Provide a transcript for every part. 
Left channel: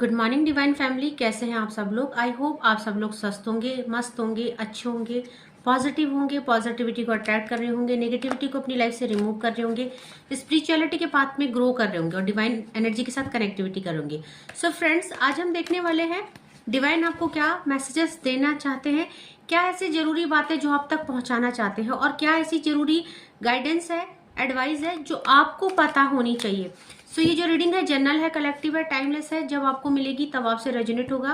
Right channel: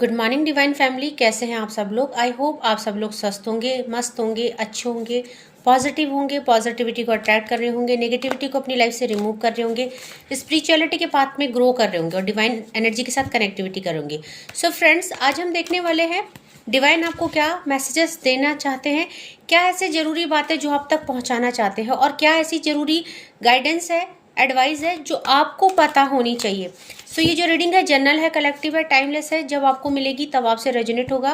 Good morning divine family, कैसे हैं आप सब लोग। आई होप आप सब लोग स्वस्थ होंगे, मस्त होंगे, अच्छे होंगे, पॉजिटिव होंगे, पॉजिटिविटी को अट्रैक्ट कर रहे होंगे, नेगेटिविटी को अपनी लाइफ से रिमूव कर रहे होंगे, स्पिरिचुअलिटी के पाथ में ग्रो कर रहे होंगे और डिवाइन एनर्जी के साथ कनेक्टिविटी करेंगे। सो फ्रेंड्स, आज हम देखने वाले हैं डिवाइन आपको क्या मैसेजेस देना चाहते हैं, क्या ऐसे ज़रूरी बातें जो आप तक पहुँचाना चाहते हैं और क्या ऐसी ज़रूरी गाइडेंस है, एडवाइस है जो आपको पता होनी चाहिए। सो ये जो रीडिंग है जनरल है, कलेक्टिव है, टाइमलेस है। जब आपको मिलेगी तब आपसे रेजोनेट होगा।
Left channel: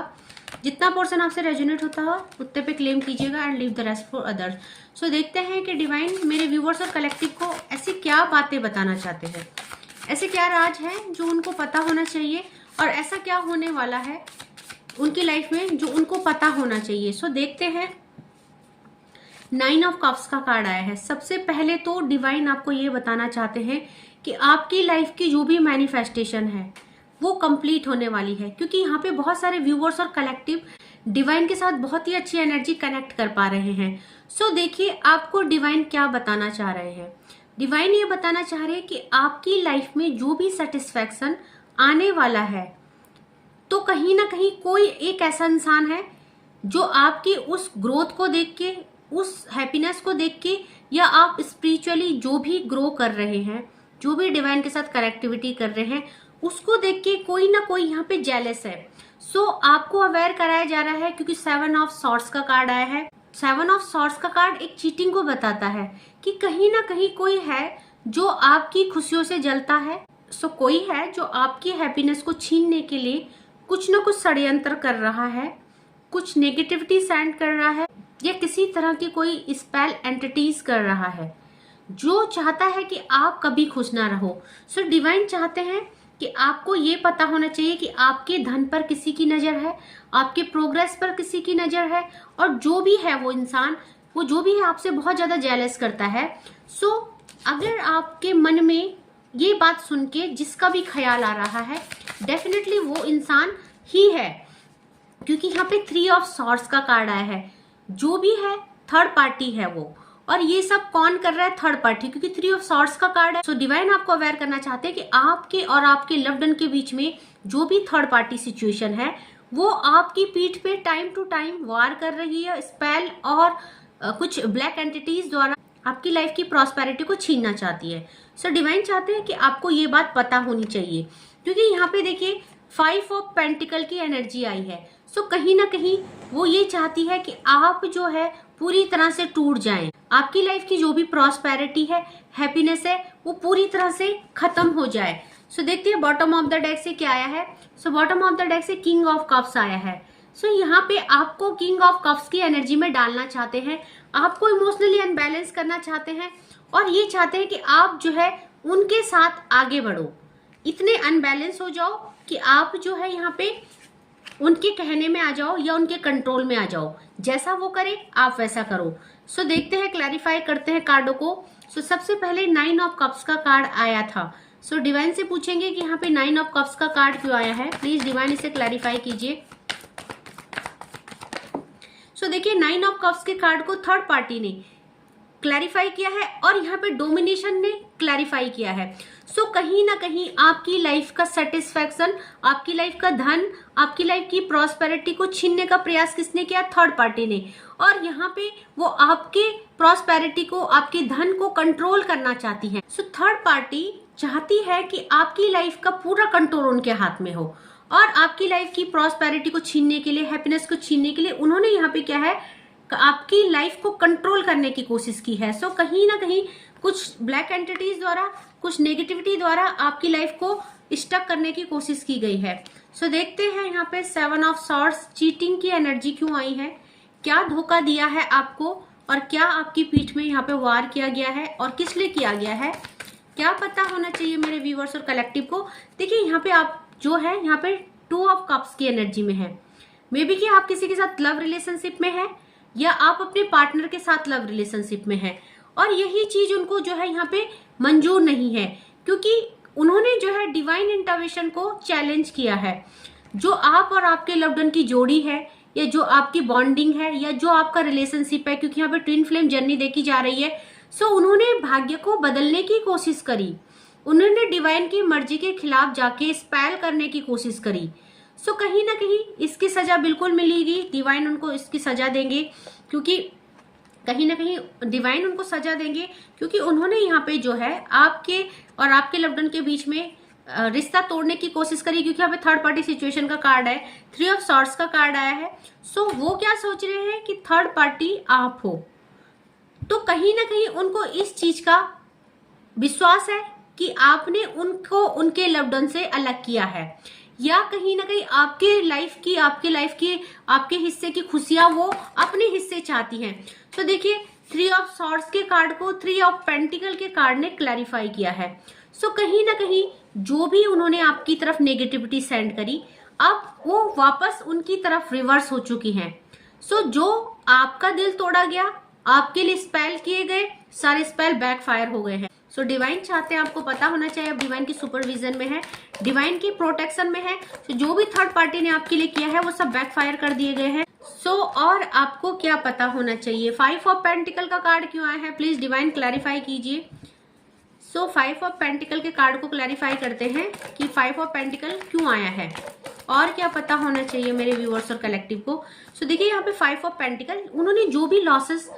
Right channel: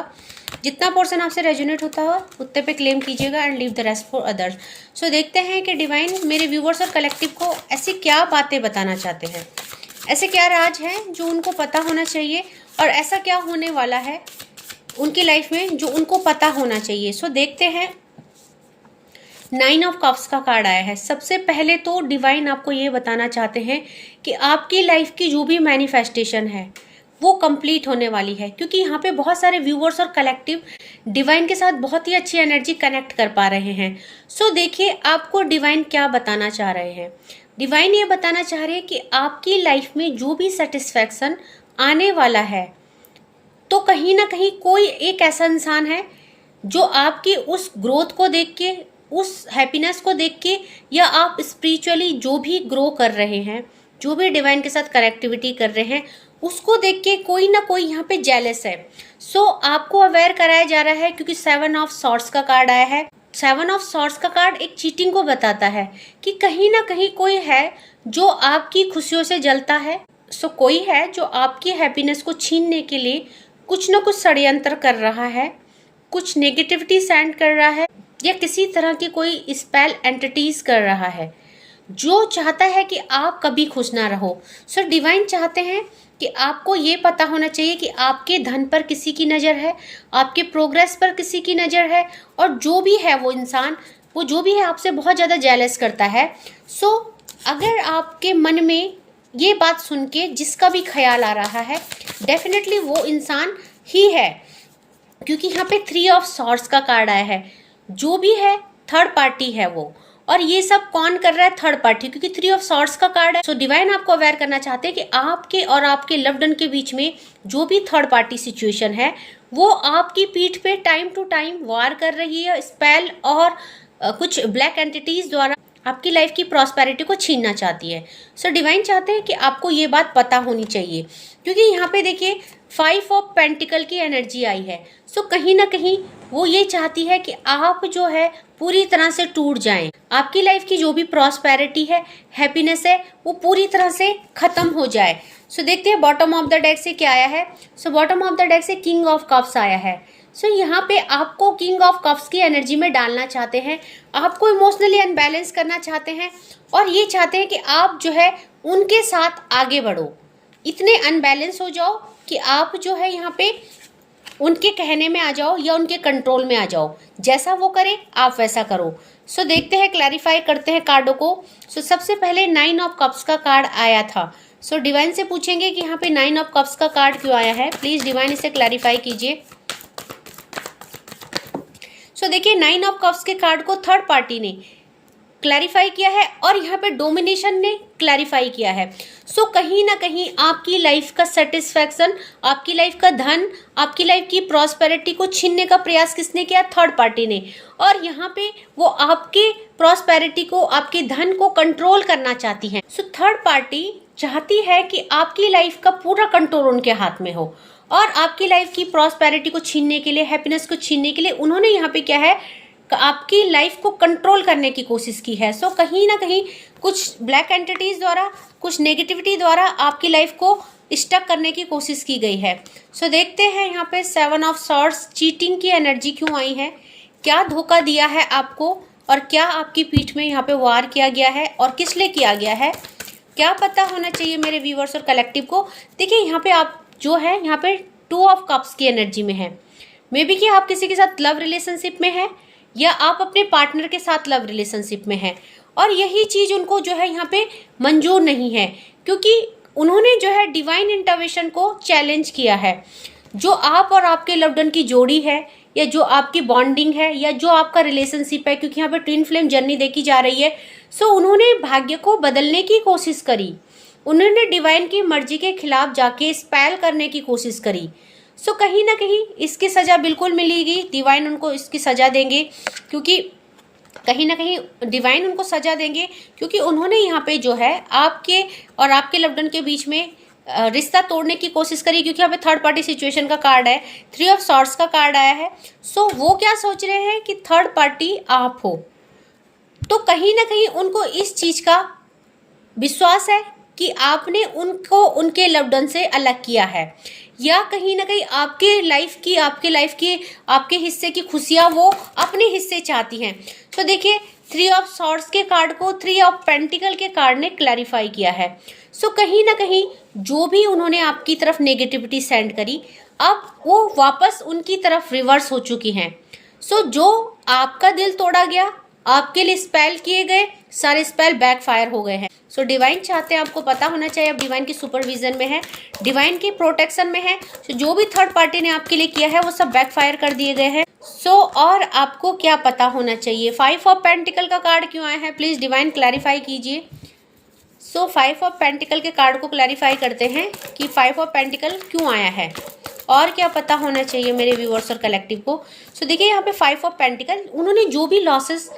जितना पोर्शन आपसे रेजोनेट होता हो उतने पे क्लेम कीजिएगा and leave the rest for others. So देखते हैं कि डिवाइन मेरे व्यूवर्स और कलेक्टिव को ऐसी क्या बातें बताना चाहते हैं, ऐसे क्या राज हैं जो उनको पता होना चाहिए और ऐसा क्या होने वाला है उनकी लाइफ में जो उनको पता होना चाहिए। सो देखते हैं। 9 ऑफ कप्स का कार्ड आया है। सबसे पहले तो डिवाइन आपको ये बताना चाहते हैं कि आपकी लाइफ की जो भी मैनिफेस्टेशन है वो कंप्लीट होने वाली है, क्योंकि यहाँ पे बहुत सारे व्यूअर्स और कलेक्टिव डिवाइन के साथ बहुत ही अच्छी एनर्जी कनेक्ट कर पा रहे हैं। सो देखिए आपको डिवाइन क्या बताना चाह रहे हैं। डिवाइन ये बताना चाह रहे हैं कि आपकी लाइफ में जो भी सेटिस्फैक्शन आने वाला है, तो कहीं ना कहीं कोई एक ऐसा इंसान है जो आपकी उस ग्रोथ को देख के, उस हैप्पीनेस को देख के, या आप स्पिरिचुअली जो भी ग्रो कर रहे हैं, जो भी डिवाइन के साथ कनेक्टिविटी कर रहे हैं, उसको देख के कोई ना कोई यहाँ पे जेलस है। सो आपको अवेयर कराया जा रहा है, क्योंकि 7 ऑफ सॉर्ड्स का कार्ड आया है। 7 ऑफ सॉर्ड्स का कार्ड एक चीटिंग को बताता है कि कहीं ना कहीं कोई है जो आपकी खुशियों से जलता है। सो कोई है जो आपकी हैप्पीनेस को छीनने के लिए कुछ ना कुछ षड्यंत्र कर रहा है, कुछ नेगेटिविटी सेंड कर रहा है, या किसी तरह की कोई स्पेल एंटिटीज कर रहा है जो चाहता है कि आप कभी खुश ना रहो। सो डिवाइन चाहते हैं कि आपको ये पता होना चाहिए कि आपके धन पर किसी की नज़र है, आपके प्रोग्रेस पर किसी की नज़र है, और जो भी है वो इंसान, वो जो भी है आपसे बहुत ज़्यादा जेलस करता है। सो अगर आपके मन में ये बात सुन के जिसका भी ख्याल आ रहा है, डेफिनेटली वो इंसान ही है, क्योंकि यहाँ पे 3 ऑफ सॉर्ड्स का कार्ड आया है। जो भी है थर्ड पार्टी है वो, और ये सब कौन कर रहा है? थर्ड पार्टी, क्योंकि 3 ऑफ सॉर्ड्स का कार्ड है। सो डिवाइन आपको अवेयर करना चाहते हैं कि आपके और आपके लव्ड वन के बीच में जो भी थर्ड पार्टी सिचुएशन है वो आपकी पीठ पे टाइम टू टाइम वार कर रही है, स्पेल और कुछ ब्लैक एंटिटीज द्वारा आपकी लाइफ की प्रॉस्पेरिटी को छीनना चाहती है। सो डिवाइन चाहते हैं कि आपको ये बात पता होनी चाहिए, क्योंकि यहाँ पे देखिए 5 ऑफ पेंटिकल की एनर्जी आई है। सो कहीं ना कहीं वो ये चाहती है कि आप जो है पूरी तरह से टूट जाएं, आपकी लाइफ की जो भी प्रॉस्पेरिटी है, हैप्पीनेस है, वो पूरी तरह से खत्म हो जाए। सो देखते हैं बॉटम ऑफ द डेक से क्या आया है। So bottom of the deck से किंग ऑफ कप्स आया है। सो यहाँ पे आपको किंग ऑफ कप्स की एनर्जी में डालना चाहते हैं, आपको इमोशनली अनबैलेंस करना चाहते हैं, और ये चाहते हैं कि आप जो है उनके साथ आगे बढ़ो, इतने अनबैलेंस हो जाओ कि आप जो है यहाँ पे उनके कहने में आ जाओ या उनके कंट्रोल में आ जाओ, जैसा वो करे आप वैसा करो। सो देखते हैं, क्लैरिफाई करते हैं कार्डों को। सो सबसे पहले 9 ऑफ कप्स का कार्ड आया था। सो डिवाइन से पूछेंगे कि यहाँ पे 9 ऑफ कप्स का कार्ड क्यों आया है। प्लीज डिवाइन इसे क्लैरिफाई कीजिए। सो देखिए 9 ऑफ कप्स के कार्ड को थर्ड पार्टी ने क्लैरिफाई किया है और यहाँ पे डोमिनेशन ने क्लैरिफाई किया है। सो कहीं ना कहीं आपकी लाइफ का सेटिस्फैक्शन, आपकी लाइफ का धन, आपकी लाइफ की प्रॉस्पेरिटी को छीनने का प्रयास किसने किया? थर्ड पार्टी ने। और यहाँ पे वो आपके प्रॉस्पेरिटी को, आपके धन को कंट्रोल करना चाहती है। सो थर्ड पार्टी चाहती है कि आपकी लाइफ का पूरा कंट्रोल उनके हाथ में हो, और आपकी लाइफ की प्रॉस्पेरिटी को छीनने के लिए, हैप्पीनेस को छीनने के लिए उन्होंने यहाँ पे क्या है, आपकी लाइफ को कंट्रोल करने की कोशिश की है। सो कहीं ना कहीं कुछ ब्लैक एंटिटीज द्वारा, कुछ नेगेटिविटी द्वारा आपकी लाइफ को स्टक करने की कोशिश की गई है। सो देखते हैं यहाँ पे 7 ऑफ सॉर्ड्स, चीटिंग की एनर्जी क्यों आई है, क्या धोखा दिया है आपको, और क्या आपकी पीठ में यहाँ पे वार किया गया है और किस लिए किया गया है, क्या पता होना चाहिए मेरे व्यूवर्स और कलेक्टिव को। देखिए यहाँ पे आप जो है यहाँ पे 2 ऑफ कप्स की एनर्जी में है। मे बी कि आप किसी के साथ लव रिलेशनशिप में है, या आप अपने पार्टनर के साथ लव रिलेशनशिप में हैं, और यही चीज उनको जो है यहाँ पे मंजूर नहीं है, क्योंकि उन्होंने जो है डिवाइन इंटरवेंशन को चैलेंज किया है। जो आप और आपके लव्ड वन की जोड़ी है, या जो आपकी बॉन्डिंग है, या जो आपका रिलेशनशिप है, क्योंकि यहाँ पे ट्विन फ्लेम जर्नी देखी जा रही है। सो उन्होंने भाग्य को बदलने की कोशिश करी, उन्होंने डिवाइन की मर्जी के खिलाफ जाके स्पेल करने की कोशिश करी। सो कहीं ना कहीं इसकी सजा बिल्कुल मिलेगी, डिवाइन उनको इसकी सजा देंगे, क्योंकि कहीं ना कहीं डिवाइन उनको सजा देंगे क्योंकि उन्होंने यहाँ पे जो है आपके और आपके लव्ड वन के बीच में रिश्ता तोड़ने की कोशिश करी, क्योंकि यहाँ पे थर्ड पार्टी सिचुएशन का कार्ड है, 3 ऑफ सॉर्ड्स का कार्ड आया है। सो वो क्या सोच रहे हैं कि थर्ड पार्टी आप हो, तो कहीं ना कहीं उनको इस चीज का विश्वास है कि आपने उनको उनके लव्ड वन से अलग किया है, या कहीं ना कहीं आपके लाइफ की आपके हिस्से की खुशियां वो अपने हिस्से चाहती हैं। तो देखिए 3 ऑफ सॉर्ड्स के कार्ड को 3 ऑफ पेंटिकल के कार्ड ने क्लैरिफाई किया है। सो कहीं ना कहीं जो भी उन्होंने आपकी तरफ नेगेटिविटी सेंड करी, अब वो वापस उनकी तरफ रिवर्स हो चुकी हैं। सो जो आपका दिल तोड़ा गया, आपके लिए स्पेल किए गए सारे स्पेल बैकफायर हो गए हैं। सो डिवाइन चाहते हैं, आपको पता होना चाहिए, अब डिवाइन की सुपरविजन में है, डिवाइन की प्रोटेक्शन में है। सो जो भी थर्ड पार्टी ने आपके लिए किया है वो सब बैकफायर कर दिए गए हैं। सो और आपको क्या पता होना चाहिए, 5 ऑफ पेंटिकल का कार्ड क्यों आया है, प्लीज डिवाइन क्लैरिफाई कीजिए। सो 5 ऑफ पेंटिकल के कार्ड को क्लैरिफाई करते हैं कि 5 ऑफ पेंटिकल क्यों आया है और क्या पता होना चाहिए मेरे व्यूअर्स और कलेक्टिव को। सो देखिए यहाँ पे 5 ऑफ पेंटिकल, उन्होंने जो भी लॉसेस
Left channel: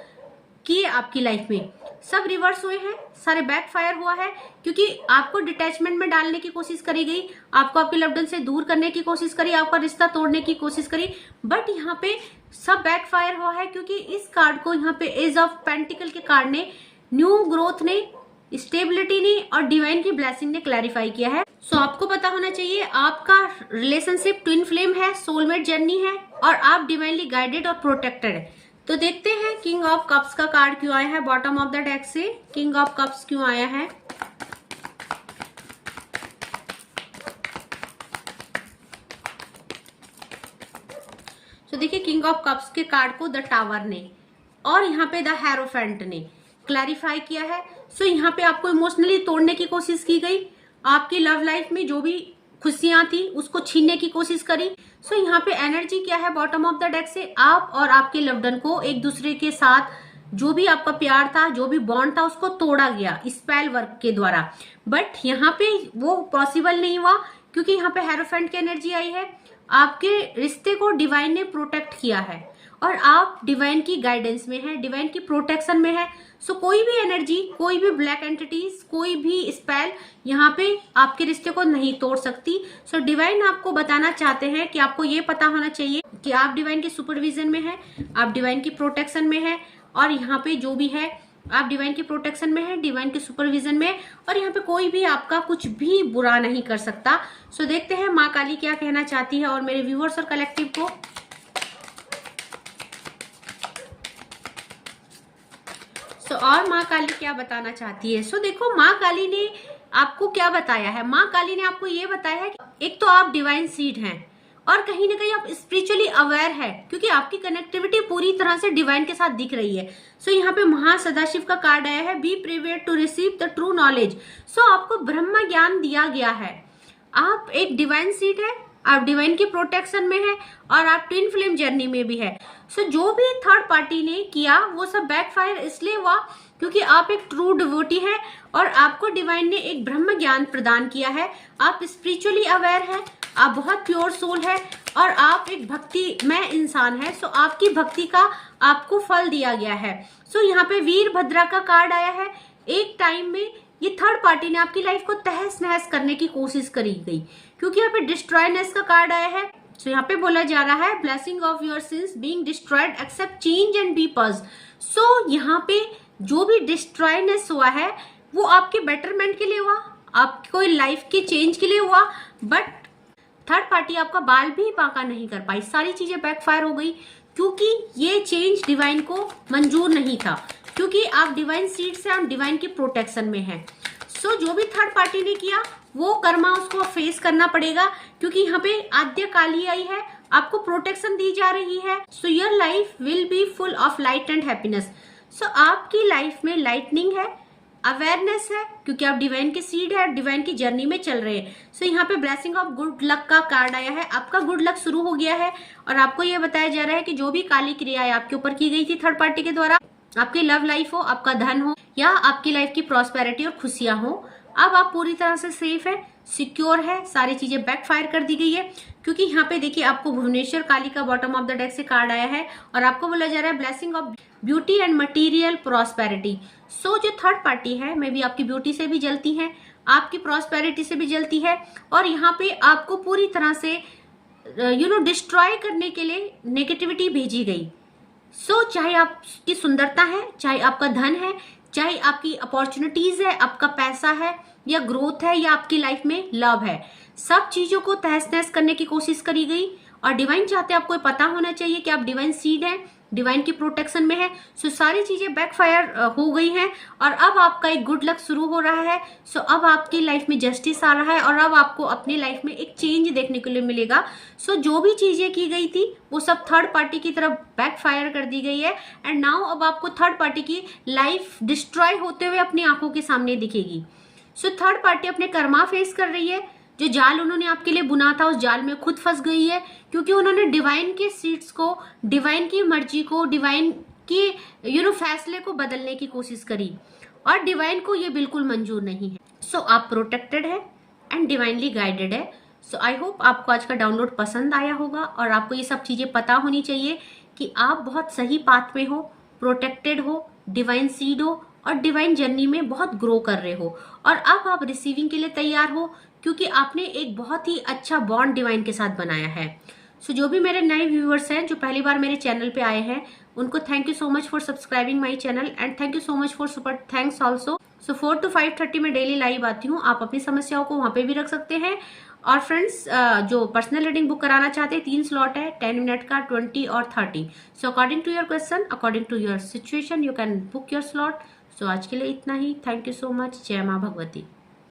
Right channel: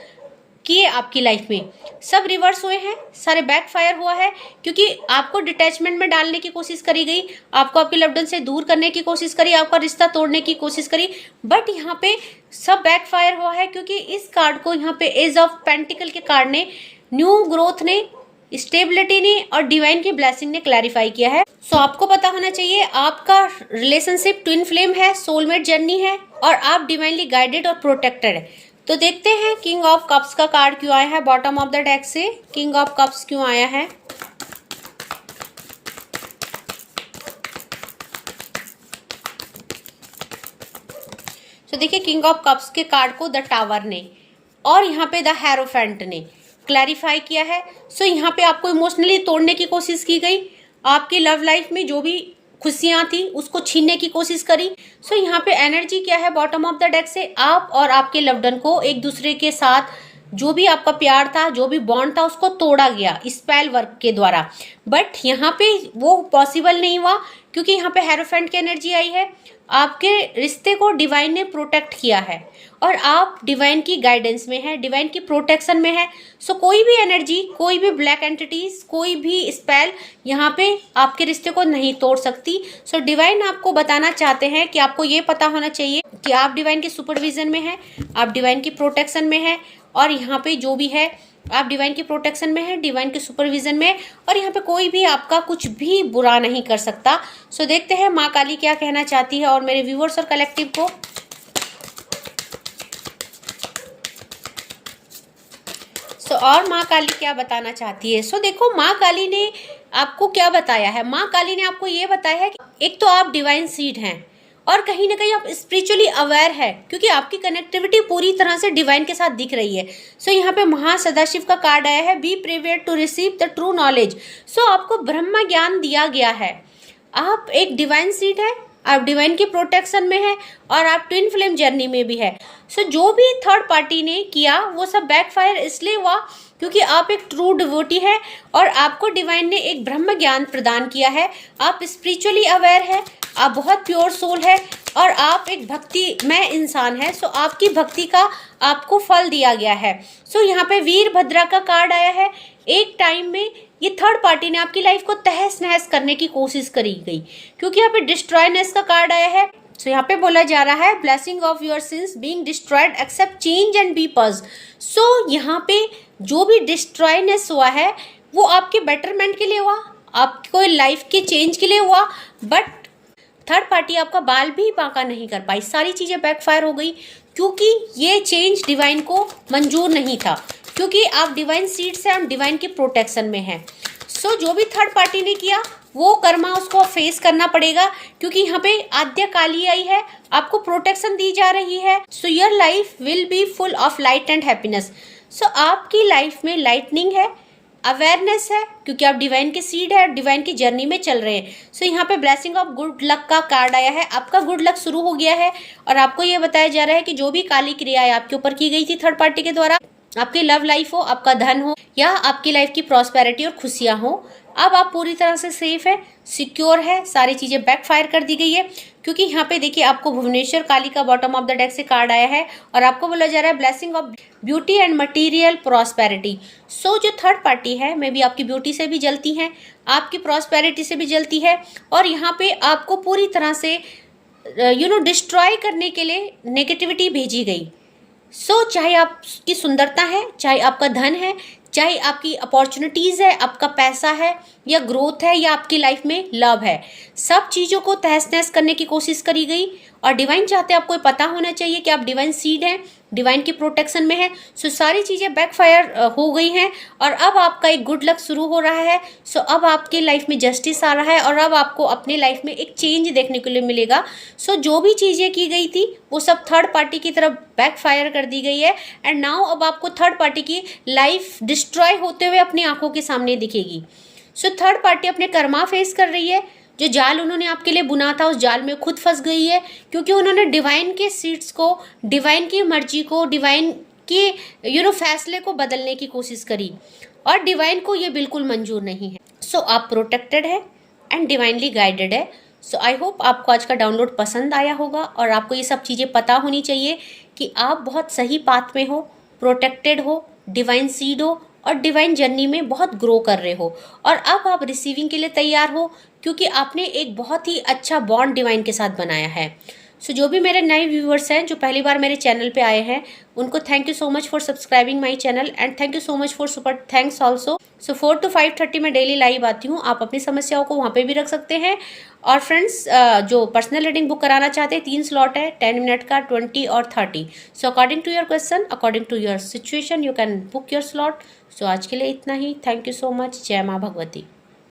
किए आपकी लाइफ में सब रिवर्स हुए हैं, सारे बैकफायर हुआ है, क्योंकि आपको डिटैचमेंट में डालने की कोशिश करी गई, आपको आपके लव्ड वन से दूर करने की कोशिश करी, आपका रिश्ता तोड़ने की कोशिश करी, बट यहाँ पे सब बैकफायर हुआ है, क्योंकि इस कार्ड को यहाँ पे एज ऑफ पेंटिकल के कार्ड ने न्यू ग्रोथ ने, स्टेबिलिटी ने और डिवाइन की ब्लेसिंग ने क्लैरिफाई किया है। सो आपको पता होना चाहिए आपका रिलेशनशिप ट्विन फ्लेम है, सोलमेट जर्नी है और आप डिवाइनली गाइडेड और प्रोटेक्टेड है। तो देखते हैं किंग ऑफ कप्स का कार्ड क्यों आया है, बॉटम ऑफ द डेक से किंग ऑफ कप्स क्यों आया है। तो देखिए किंग ऑफ कप्स के कार्ड को द टावर ने और यहाँ पे द हेरोफेंट ने क्लैरिफाई किया है। सो यहाँ पे आपको इमोशनली तोड़ने की कोशिश की गई, आपकी लव लाइफ में जो भी खुशियां थी उसको छीनने की कोशिश करी। सो यहाँ पे एनर्जी क्या है बॉटम ऑफ द डेक से, आप और आपके लव्ड वन को एक दूसरे के साथ जो भी आपका प्यार था, जो भी बॉन्ड था, उसको तोड़ा गया स्पेल वर्क के द्वारा। बट यहाँ पे वो पॉसिबल नहीं हुआ, क्योंकि यहाँ पे हेरोफेंट की एनर्जी आई है, आपके रिश्ते को डिवाइन ने प्रोटेक्ट किया है और आप डिवाइन की गाइडेंस में है, डिवाइन की प्रोटेक्शन में है। सो कोई भी एनर्जी, कोई भी ब्लैक एंटिटीज, कोई भी स्पेल यहाँ पे आपके रिश्ते को नहीं तोड़ सकती। सो डिवाइन आपको बताना चाहते हैं कि आपको ये पता होना चाहिए कि आप डिवाइन के सुपरविजन में है, आप डिवाइन की प्रोटेक्शन में है और यहाँ पे जो भी है आप डिवाइन की प्रोटेक्शन में है, डिवाइन के सुपरविजन में, और यहाँ पे कोई भी आपका कुछ भी बुरा नहीं कर सकता। सो देखते हैं माँ काली क्या कहना चाहती है और मेरे व्यूअर्स और कलेक्टिव को। और माँ काली क्या बताना चाहती है। सो देखो माँ काली ने आपको क्या बताया है, माँ काली ने आपको ये बताया है कि एक तो आप डिवाइन सीड हैं और कहीं ना कहीं आप स्पिरिचुअली अवेयर है, क्योंकि आपकी कनेक्टिविटी पूरी तरह से डिवाइन के साथ दिख रही है। सो यहाँ पे महासदाशिव का कार्ड आया है, be prepared to receive the true knowledge. So आपको ब्रह्म ज्ञान दिया गया है, आप एक डिवाइन सीड है, आप डिवाइन की प्रोटेक्शन में है और आप ट्विन फ्लेम जर्नी में भी है। सो जो भी थर्ड पार्टी ने किया वो सब बैकफायर इसलिए हुआ क्योंकि आप एक ट्रू डिवोटी है और आपको डिवाइन ने एक ब्रह्म ज्ञान प्रदान किया है, आप स्पिरिचुअली अवेयर है, आप बहुत प्योर सोल है और आप एक भक्तिमय इंसान है। सो आपकी भक्ति का आपको फल दिया गया है। सो यहाँ पे वीरभद्रा का कार्ड आया है, एक टाइम में ये थर्ड पार्टी ने आपकी लाइफ को तहस नहस करने की कोशिश करी गई, क्योंकि यहाँ पे डिस्ट्रॉयनेस का कार्ड आया है। सो यहाँ पे बोला जा रहा है blessing of your sins being destroyed accept change and be pause. So यहाँ पे जो भी डिस्ट्रॉयनेस हुआ है वो आपके बेटरमेंट के लिए हुआ, आपको लाइफ के चेंज के लिए हुआ, बट थर्ड पार्टी आपका बाल भी बांका नहीं कर पाई, सारी चीजें बैकफायर हो गई क्योंकि ये चेंज डिवाइन को मंजूर नहीं था, क्योंकि आप डिवाइन सीड से, आप डिवाइन की प्रोटेक्शन में हैं। सो जो भी थर्ड पार्टी ने किया वो कर्मा उसको फेस करना पड़ेगा, क्योंकि यहाँ पे आद्य काली आई है, आपको प्रोटेक्शन दी जा रही है। So your life will be full of light and happiness. So आपकी लाइफ में लाइटनिंग है, अवेयरनेस है, क्योंकि आप डिवाइन के सीड है, डिवाइन की जर्नी में चल रहे हैं। सो यहाँ पे ब्लेसिंग ऑफ गुड लक का कार्ड आया है, आपका गुड लक शुरू हो गया है और आपको ये बताया जा रहा है कि जो भी काली क्रियाएं आपके ऊपर की गई थी थर्ड पार्टी के द्वारा, आपकी लव लाइफ हो, आपका धन हो या आपकी लाइफ की प्रॉस्पेरिटी और खुशियां हो, अब आप पूरी तरह से सेफ है, सिक्योर है, सारी चीजें बैकफायर कर दी गई है, क्योंकि यहाँ पे देखिए आपको भुवनेश्वर काली का बॉटम ऑफ द डेक से कार्ड आया है और आपको बोला जा रहा है blessing of beauty and material prosperity. So जो थर्ड पार्टी है मे बी आपकी ब्यूटी से भी जलती है, आपकी प्रॉस्पेरिटी से भी जलती है, और यहाँ पे आपको पूरी तरह से डिस्ट्रॉय करने के लिए नेगेटिविटी भेजी गई। सो चाहे आपकी सुंदरता है, चाहे आपका धन है, चाहे आपकी अपॉर्चुनिटीज़ है, आपका पैसा है, या ग्रोथ है, या आपकी लाइफ में लव है, सब चीज़ों को तहस नहस करने की कोशिश करी गई। और डिवाइन चाहते हैं आपको ये पता होना चाहिए कि आप डिवाइन सीड हैं, डिवाइन की प्रोटेक्शन में है। सो सारी चीज़ें बैकफायर हो गई हैं और अब आपका एक गुड लक शुरू हो रहा है। सो अब आपकी लाइफ में जस्टिस आ रहा है और अब आपको अपनी लाइफ में एक चेंज देखने के लिए मिलेगा। सो जो भी चीज़ें की गई थी वो सब थर्ड पार्टी की तरफ बैकफायर कर दी गई है एंड नाउ अब आपको थर्ड पार्टी की लाइफ डिस्ट्रॉय होते हुए अपनी आंखों के सामने दिखेगी। सो थर्ड पार्टी अपने कर्मा फेस कर रही है। जो जाल उन्होंने आपके लिए बुना था उस जाल में खुद फंस गई है, क्योंकि उन्होंने डिवाइन के सीड्स को, डिवाइन की मर्जी को, डिवाइन के फैसले को बदलने की कोशिश करी और डिवाइन को ये बिल्कुल मंजूर नहीं है। सो आप प्रोटेक्टेड है एंड डिवाइनली गाइडेड है। सो आई होप आपको आज का डाउनलोड पसंद आया होगा और आपको ये सब चीज़ें पता होनी चाहिए कि आप बहुत सही पाथ में हो, प्रोटेक्टेड हो, डिवाइन सीड हो और डिवाइन जर्नी में बहुत ग्रो कर रहे हो और अब आप रिसीविंग के लिए तैयार हो, क्योंकि आपने एक बहुत ही अच्छा बॉन्ड डिवाइन के साथ बनाया है। सो जो भी मेरे नए व्यूअर्स हैं जो पहली बार मेरे चैनल पे आए हैं उनको thank you so much for subscribing my channel and thank you so much for super thanks also. So 4 to 5:30 में डेली लाइव आती हूँ, आप अपनी समस्याओं को वहाँ पे भी रख सकते हैं। और फ्रेंड्स जो पर्सनल रीडिंग बुक कराना चाहते हैं 3 स्लॉट है, 10 मिनट का, 20 और 30। So according to your question, according to your situation you can book your slot. So आज के लिए इतना ही। Thank you so much. जय माँ भगवती।